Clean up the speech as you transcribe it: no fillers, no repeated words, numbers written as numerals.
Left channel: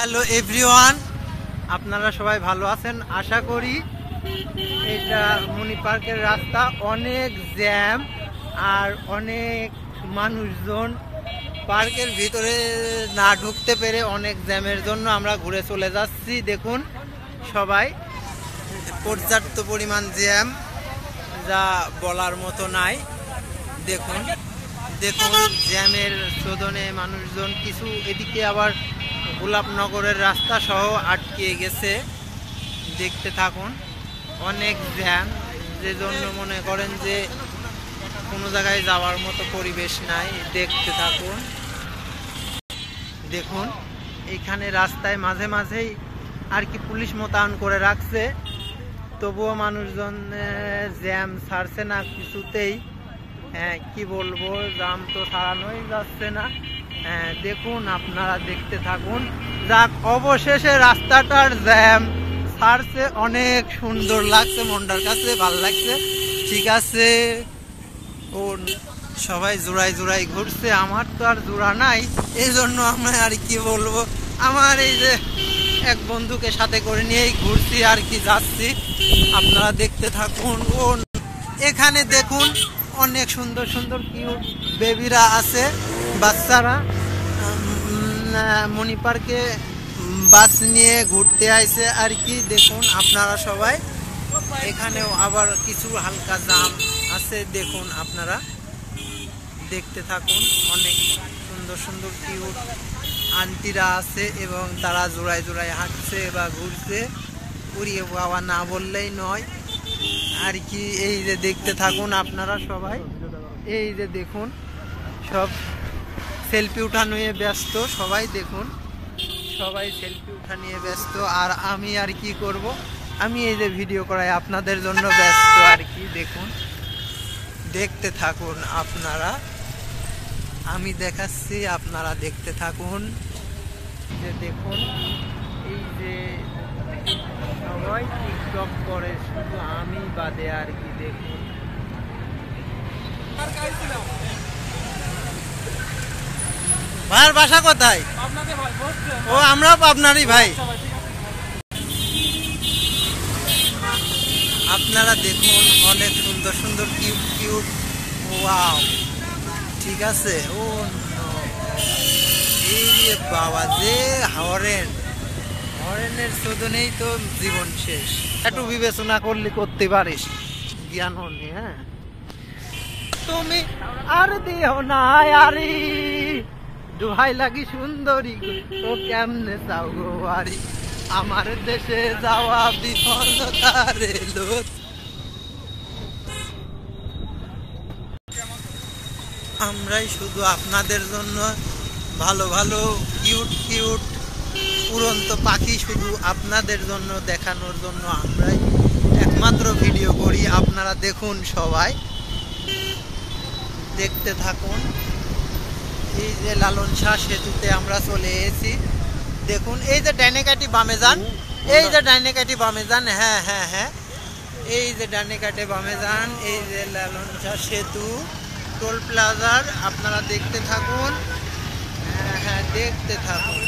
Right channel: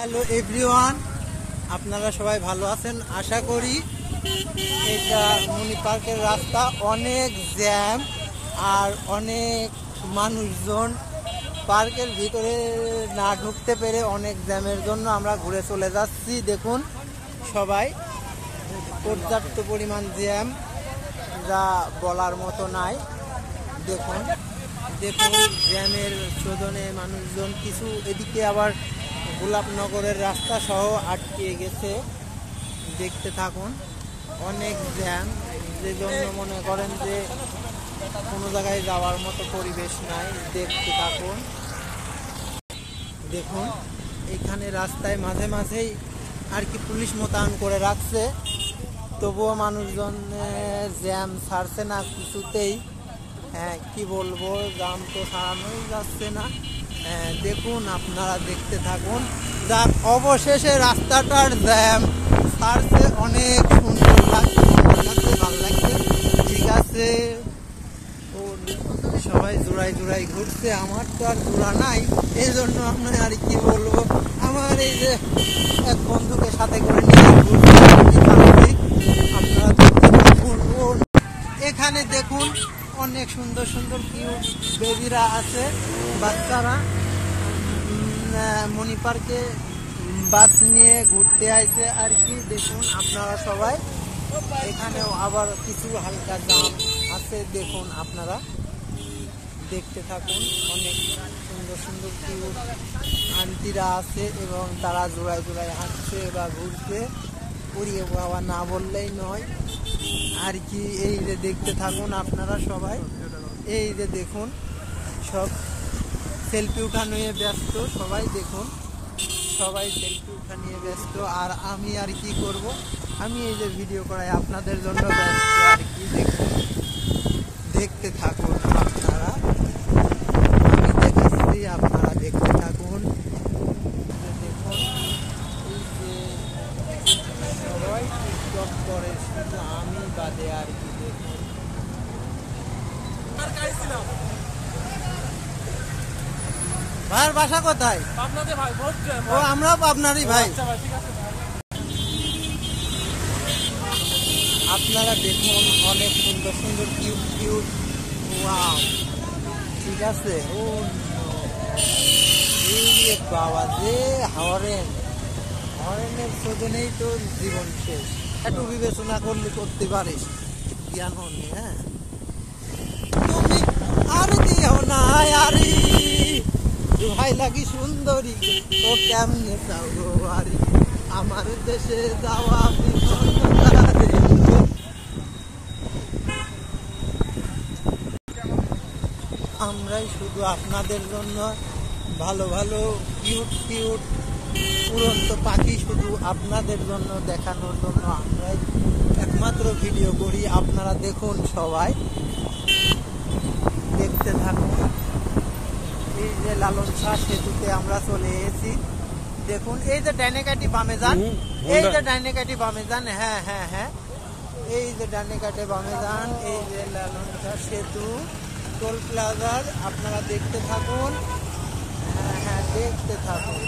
Hello everyone, আপনারা সবাই ভালো আছেন আশা করি। এটা মনি পার্কের রাস্তা, অনেক জ্যাম আর অনেক মানুষজন পার্কের ভিতরে না ঢুকতে পেরে অনেক জ্যামের জন্য আমরা ঘুরে চলে যাচ্ছি। দেখুন সবাই, পর্যাপ্ত পরিমাণ জ্যাম, যা বলার মতো নাই। দেখুন দেখুন জ্যামের শোধনে মানুষজন কিছু এদিকে আবার গোলাপনগরের রাস্তা সহ আটকে গেছে। দেখতে থাকুন, অনেক জ্যাম, যে জন্য মনে করেন যে কোনো জায়গায় যাওয়ার মতো পরিবেশ নাই। দেখতে থাকুন, দেখুন এখানে রাস্তায় মাঝে মাঝেই আর কি পুলিশ মোতায়েন করে রাখছে, তবুও মানুষজন জ্যাম ছাড়ছে না কিছুতেই। হ্যাঁ, কি বলবো, জ্যাম তো ছাড়ানোই যাচ্ছে না। হ্যাঁ দেখুন, আপনারা দেখতে থাকুন। যাক, অবশেষে রাস্তাটার জ্যাম ছাড়ছে, অনেক সুন্দর লাগছে, মনটার কাছে ভালো লাগছে। ঠিক আছে, ও সবাই জোড়ায় জোড়ায় ঘুরছে, আমার তো আর জোড়া নাই, এই জন্য আমি আর কি বলবো, আমার এই যে এক বন্ধুকে সাথে করে নিয়ে ঘুরছি আর কি, যাচ্ছি। আপনারা দেখতে থাকুন। ও এখানে দেখুন অনেক সুন্দর সুন্দর কিউট বেবিরা আছে, বাচ্চারা মনি পার্কে বাস নিয়ে ঘুরতে আইছে আর কি। দেখুন আপনারা সবাই, এখানেও আবার কিছু হালকা জাম আছে। দেখুন আপনারা দেখতে থাকুন, অনেক সুন্দর সুন্দর কিউট আন্টিরা আছে এবং তারা জোড়ায় জোড়ায় হাঁটছে বা ঘুরছে। উড়িয়ে বাবা না বললেই নয় আর কি। এই যে দেখতে থাকুন আপনারা সবাই, এই যে দেখুন সব সেলফি উঠা নিয়ে ব্যস্ত সবাই। দেখুন সবাই সেলফি উঠা নিয়ে ব্যস্ত, আর আমি আর কি করব, আমি এই যে ভিডিও করাই আপনাদের জন্য ব্যস্ত আর কি। দেখুন দেখতে থাকুন আপনারা, আমি দেখাচ্ছি, আপনারা দেখতে থাকুন। যে দেখুন এই যে সবাই টিকটক করে, শুধু আমি বাদে আর কি। দেখুন ভাইয়ের বাসা কোথায়? ও আমরাও পাবনারই ভাই। আপনারা দেখুন অনেক সুন্দর সুন্দর কিউট কিউট, ওয়াও, ঠিক আছে। ও এই বাবা, যে হরেনের শোধনেই তো জীবন শেষ। একটু বিবেচনা করলে করতে পারিস, জ্ঞান হনি। হ্যাঁ, তুমি আর দিও না আরি, দোহাই লাগি সুন্দরী, তো কেমনে চাও গো বাড়ি, আমার দেশে যাওয়া বিপদতা রেলো। আমরাই শুধু আপনাদের জন্য ভালো ভালো কিউট কিউট উড়ন্ত পাখি শুধু আপনাদের জন্য দেখানোর জন্য আমরাই একমাত্র ভিডিও করি। আপনারা দেখুন সবাই, দেখতে থাকুন। এই যে লালন শাহ সেতুতে আমরা চলে এসেছি। দেখুন এই যে ডাইনে কাটি বামে যান, এই যে ডাইনে কাটি বামে যান। হ্যাঁ হ্যাঁ হ্যাঁ, এই যে ডাইনে কাটে বামে যান, এই যে লালন শাহ সেতু টোল প্লাজার। আপনারা দেখতে থাকুন, হ্যাঁ হ্যাঁ দেখতে থাকুন।